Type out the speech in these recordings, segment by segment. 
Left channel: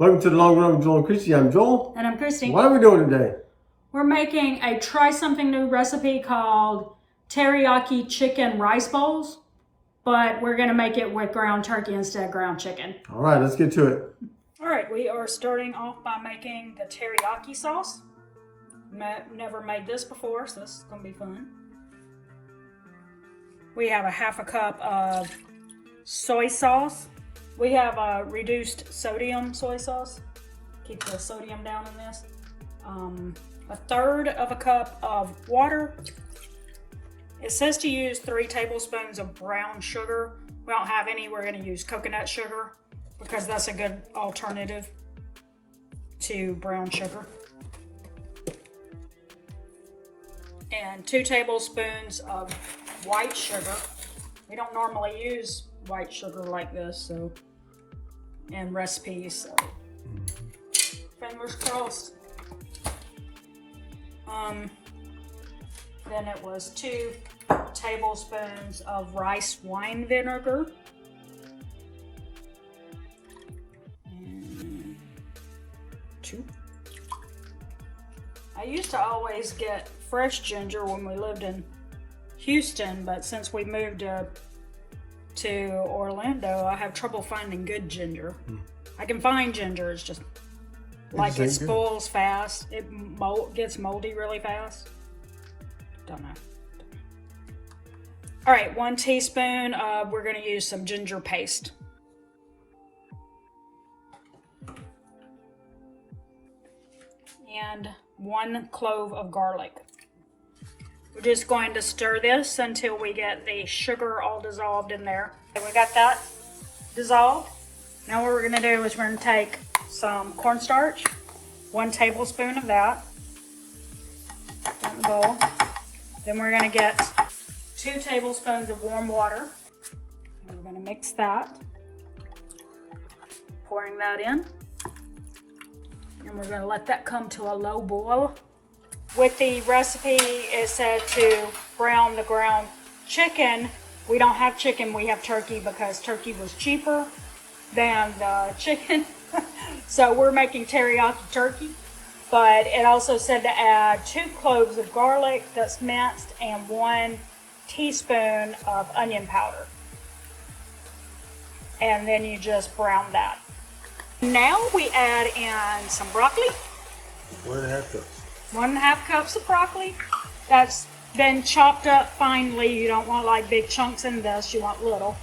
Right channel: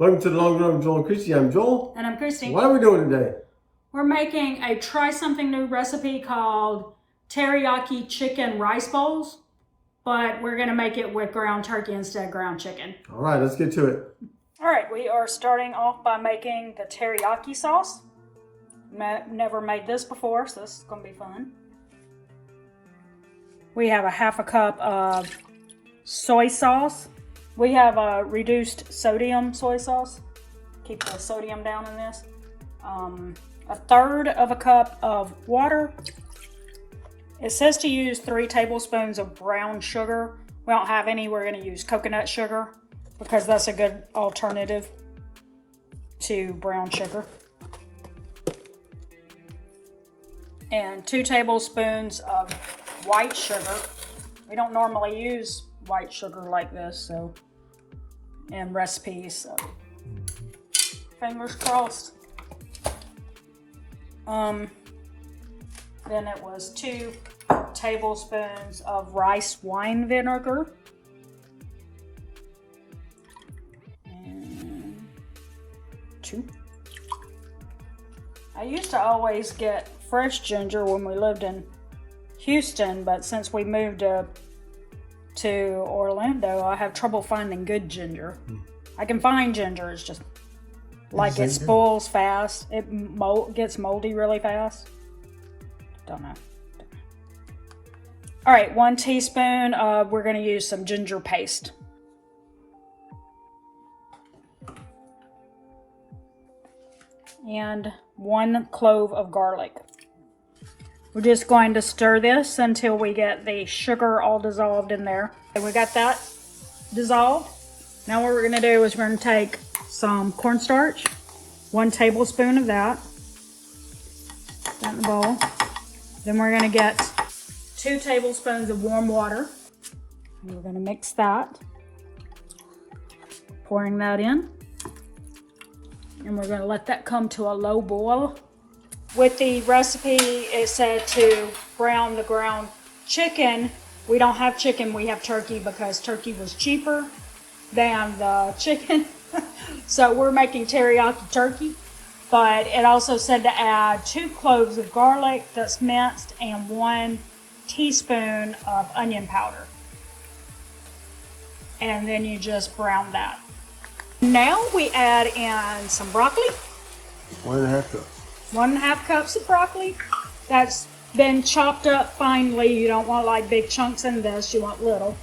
Welcome to the Long Run with Joel and Christy. I'm Joel. And I'm Christy. What are we doing today? We're making a try something new recipe called teriyaki chicken rice bowls, but we're gonna make it with ground turkey instead of ground chicken. All right, let's get to it. All right, we are starting off by making the teriyaki sauce. Never made this before, so this is gonna be fun. We have a half a cup of soy sauce. We have a reduced sodium soy sauce. Keep the sodium down in this. A third of a cup of water. It says to use 3 tablespoons of brown sugar. We don't have any. We're going to use coconut sugar because that's a good alternative to brown sugar. And 2 tablespoons of white sugar. We don't normally use white sugar like this, so in recipes, so fingers crossed. Then it was 2 tablespoons of rice wine vinegar. And 2. I used to always get fresh ginger when we lived in Houston, but since we moved to Orlando, I have trouble finding good ginger. I can find ginger, it's just like it spoils fast. It gets moldy really fast. Don't know. All right, 1 teaspoon of, we're gonna use some ginger paste. And 1 clove of garlic. We're just going to stir this until we get the sugar all dissolved in there. And we got that dissolved. Now what we're gonna do is we're gonna take some cornstarch, 1 tablespoon of that in the bowl. Then we're gonna get 2 tablespoons of warm water. And we're gonna mix that. Pouring that in. And we're gonna let that come to a low boil. With the recipe, it said to brown the ground chicken. We don't have chicken, we have turkey because turkey was cheaper than the chicken. So we're making teriyaki turkey. But it also said to add 2 cloves of garlic that's minced and 1 teaspoon of onion powder. And then you just brown that. Now we add in some broccoli. 1.5 cups. 1.5 cups of broccoli. That's been chopped up finely. You don't want like big chunks in this, you want little.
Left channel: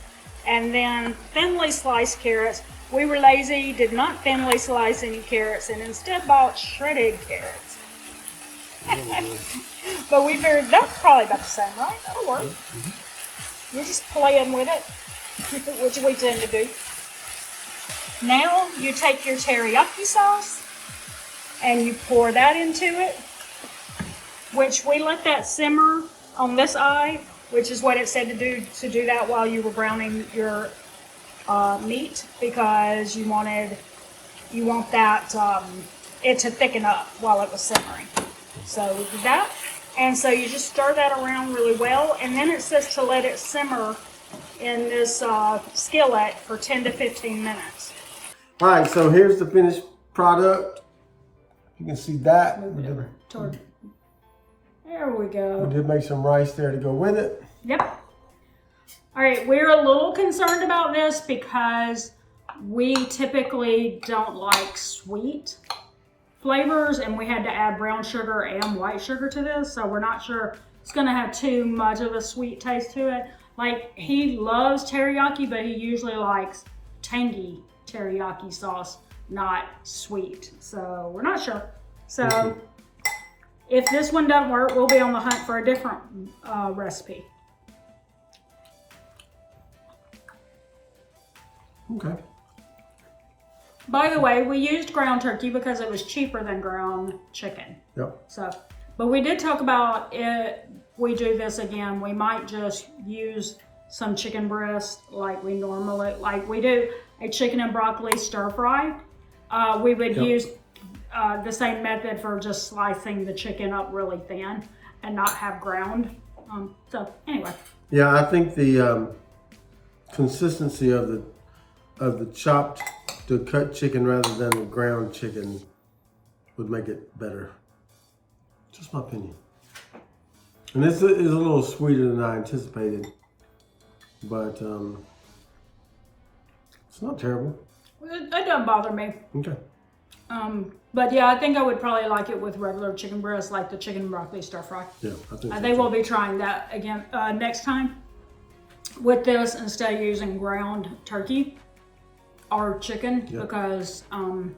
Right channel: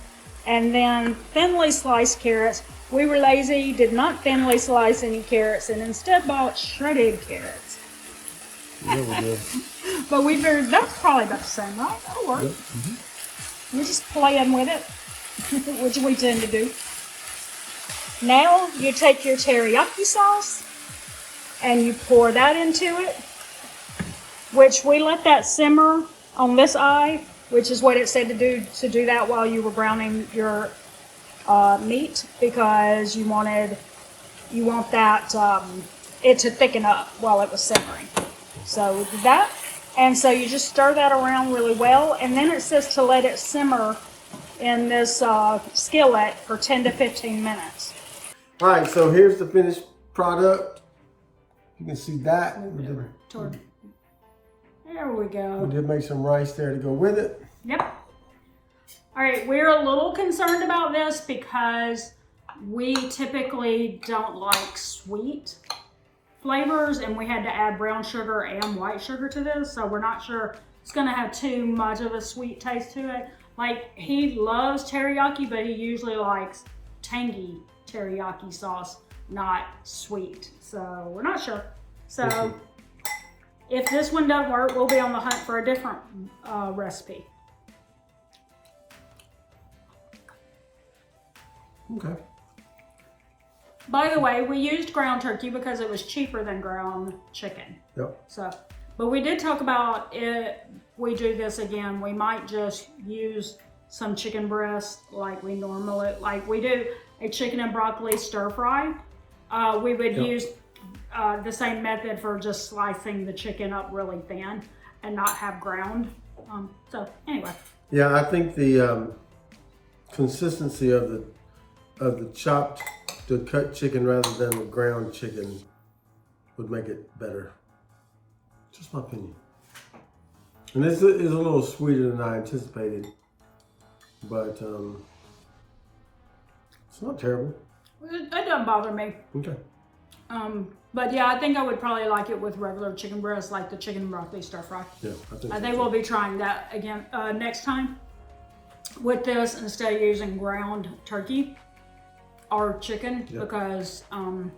And then thinly sliced carrots. We were lazy, did not thinly slice any carrots, and instead bought shredded carrots. But we figured that's probably about the same, right? That'll work. You're just playing with it, which we tend to do. Now you take your teriyaki sauce and you pour that into it, which we let that simmer on this eye, which is what it said to do that while you were browning your meat, because you want that it to thicken up while it was simmering. So we did that, and so you just stir that around really well, and then it says to let it simmer in this skillet for 10 to 15 minutes. All right, so here's the finished product. You can see that. There we go. We did make some rice there to go with it. Yep. All right, we're a little concerned about this because we typically don't like sweet flavors, and we had to add brown sugar and white sugar to this, so we're not sure it's gonna have too much of a sweet taste to it. Like, he loves teriyaki, but he usually likes tangy teriyaki sauce, not sweet. So we're not sure. So if this one doesn't work, we'll be on the hunt for a different recipe. Okay. By the way, we used ground turkey because it was cheaper than ground chicken. Yep. So, but we did talk about it. We do this again, we might just use some chicken breast like we normally, like we do a chicken and broccoli stir fry. We would use the same method for just slicing the chicken up really thin and not have ground. So anyway. Yeah, I think the consistency of the chopped the cut chicken rather than the ground chicken would make it better. Just my opinion. And this is a little sweeter than I anticipated, but it's not terrible. It doesn't bother me. Okay. But yeah, I think I would probably like it with regular chicken breast, like the chicken and broccoli stir fry. Yeah, I think. I think we'll be trying that again next time with this instead of using ground turkey or chicken because I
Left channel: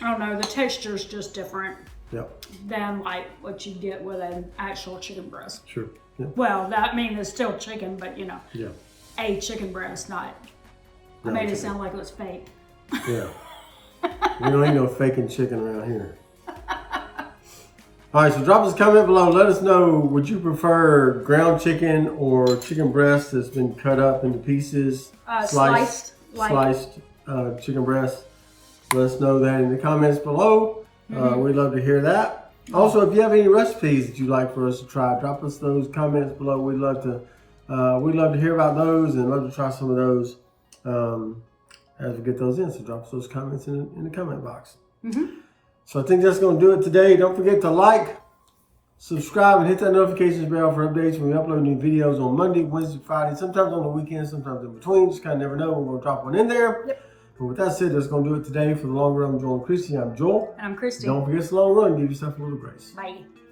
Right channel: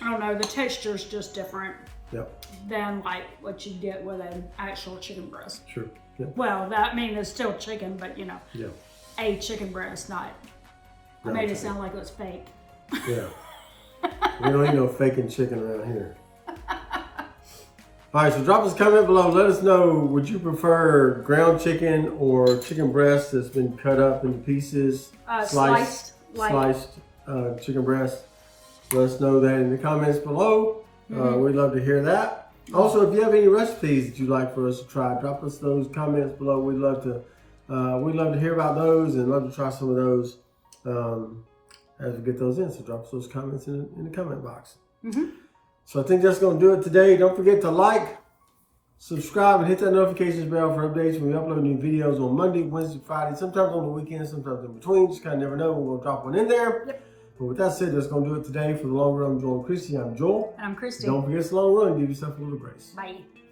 don't know, the texture is just different than like what you get with an actual chicken breast. Sure. Yeah. Well, that it's still chicken, but you know, a chicken breast, not. I made it sound like it was fake. Yeah. We don't eat no faking chicken around here. All right, so drop us a comment below. Let us know, would you prefer ground chicken or chicken breast that's been cut up into pieces? Sliced chicken breast. Let us know that in the comments below. We'd love to hear that. Also, if you have any recipes that you'd like for us to try, drop us those comments below. We'd love to hear about those and love to try some of those as we get those in. So drop us those comments in the comment box. So I think that's going to do it today. Don't forget to like, subscribe, and hit that notifications bell for updates when we upload new videos on Monday, Wednesday, Friday, sometimes on the weekends, sometimes in between. Just kind of never know when we're going to drop one in there. But with that said, that's going to do it today. For the long run, I'm Joel and Christy. I'm Joel. And I'm Christy. Don't forget, it's a long run. Give yourself a little grace. Bye.